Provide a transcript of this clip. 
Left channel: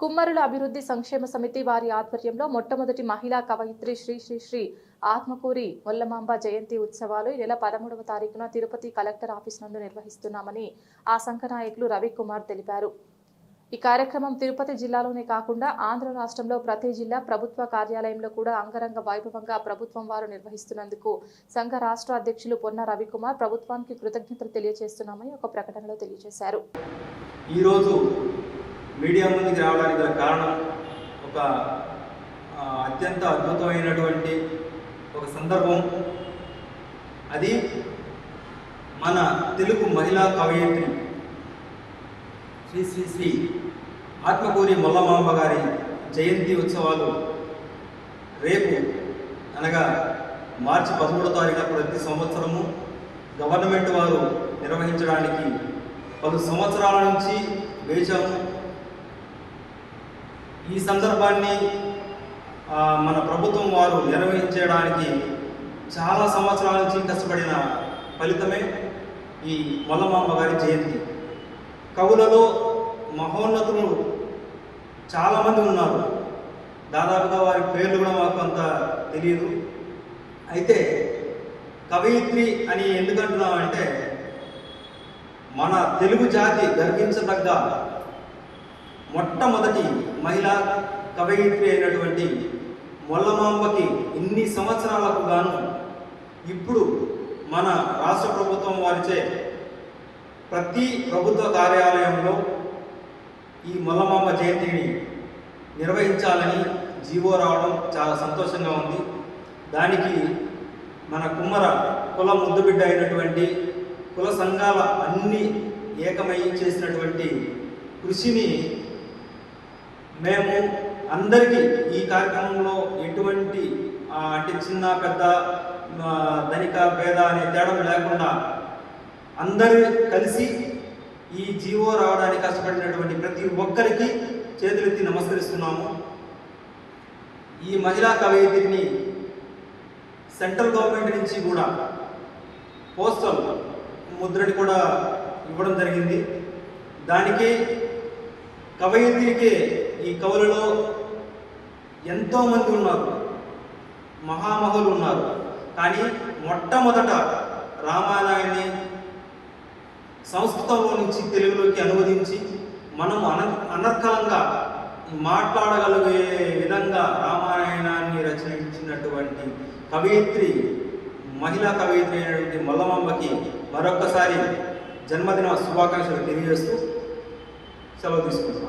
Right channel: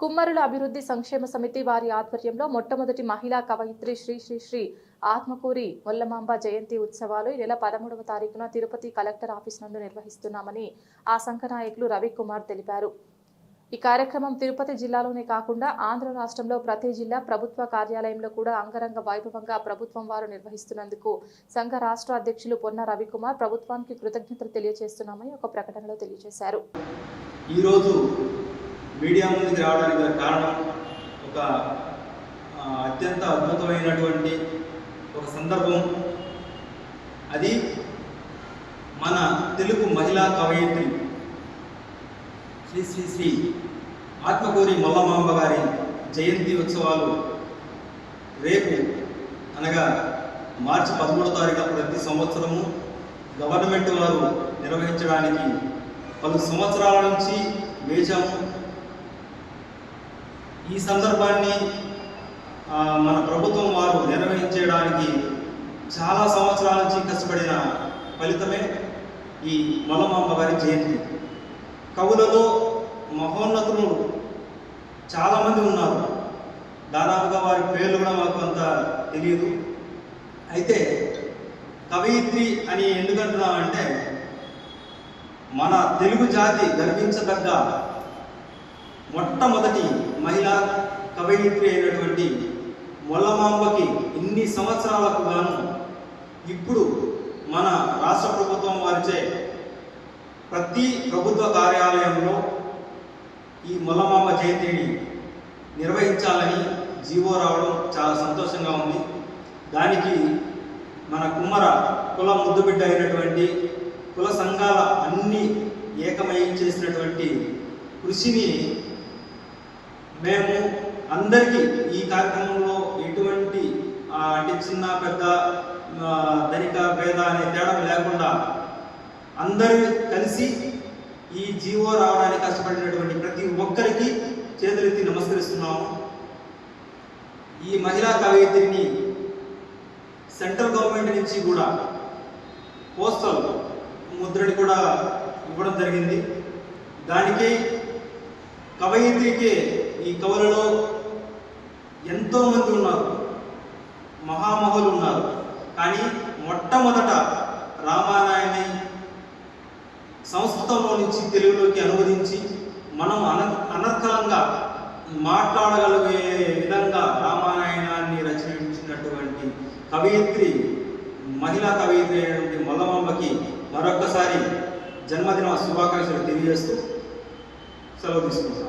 కుమ్మరుల అభివృద్ధి సంక్షేమ సమితి వారి ఆధ్వర్యంలో మొట్టమొదటి మహిళా కవయిత్రి శ్రీ శ్రీ శ్రీ ఆత్మకూరి మొల్లమాంబ జయంతి ఉత్సవాలు ఈ నెల 13వ తారీఖున తిరుపతి కలెక్టర్ ఆఫీస్ నందు నిర్వహిస్తున్నామని ఆ సంఘ నాయకులు రవికుమార్ తెలిపారు. ఈ కార్యక్రమం తిరుపతి జిల్లాలోనే కాకుండా ఆంధ్ర రాష్ట్రంలో ప్రతి జిల్లా ప్రభుత్వ కార్యాలయంలో కూడా అంగరంగ వైభవంగా ప్రభుత్వం వారు నిర్వహిస్తున్నందుకు సంఘ రాష్ట్ర అధ్యక్షులు పొన్న రవికుమార్ ప్రభుత్వానికి కృతజ్ఞతలు తెలియజేస్తున్నామని ఒక ప్రకటనలో తెలియజేశారు. మీడియా ముందుకు రావడానికి గల కారణం ఒక అత్యంత అద్భుతమైనటువంటి ఒక సందర్భం. అది మన తెలుగు మహిళా కవయిత్రి శ్రీ శ్రీ శ్రీ ఆత్మకూరి మొల్లమాంబ గారి జయంతి ఉత్సవాలు రేపు అనగా మార్చి 13వ తారీఖున ప్రతి సంవత్సరము గవర్నమెంట్ వారు నిర్వహించడానికి పలు సంవత్సరాల నుంచి వేచాము. ఈ సందర్భాన్ని మన ప్రభుత్వం వారు నిర్వహించడానికి చాలా సంవత్సరాల నుంచి కష్టపడిన ఫలితమే ఈ మొల్లమాంబ గారి జయంతి. కవులలో మహోన్నతులు చాలామంది ఉన్నారు. దాదాపుగా వారి పేర్లు కూడా మాకు అంత తెలియదు. అయితే కవయిత్రి అని ఎందుకంటున్నామంటే మన తెలుగు జాతి గర్వించదగ్గ మొట్టమొదటి మహిళా కవయిత్రి అయినటువంటి మొల్లమాంబకి ఇన్ని సంవత్సరాలకు గాను ఇప్పుడు మన రాష్ట్ర ప్రభుత్వం వారిచే ప్రతి ప్రభుత్వ కార్యాలయంలో ఈ మొల్లమాంబ జయంతిని నిర్వహించాలని జీవో రావడం చాలా సంతోషంగా ఉంది. దానికి మన కుమ్మర కుల ముద్దుబిడ్డ అయినటువంటి కుల సంఘాల అన్ని ఏకమై చేసినటువంటి కృషిని మేము అందరికీ ఈ కార్యక్రమంలో ఎటువంటి అంటే చిన్న పెద్ద ధనిక భేద అనే తేడా లేకుండా అందరూ కలిసి ఈ జీవో రావడానికి కష్టపడినటువంటి ప్రతి ఒక్కరికి చేతులెత్తి నమస్కరిస్తున్నాము. ఈ మహిళా కవయిత్రిని సెంట్రల్ గవర్నమెంట్ నుంచి కూడా పోస్టల్ ముద్రని కూడా ఇవ్వడం జరిగింది. దానికి కవయిత్రికి ఈ కవులలో ఎంతోమంది ఉన్నారు, మహామహులు ఉన్నారు. కానీ మొట్టమొదట రామాయణాన్ని సంస్కృతంలో నుంచి తెలుగులోకి అనువదించి మనం అనర్కలంగా మాట్లాడగలిగే విధంగా రామాయణాన్ని రచించినటువంటి కవయిత్రి మహిళా కవయిత్రి అయినటువంటి మొల్లమాంబకి మరొక్కసారి జన్మదిన శుభాకాంక్షలు తెలియజేస్తూ సెలవు తీసుకుంటాం.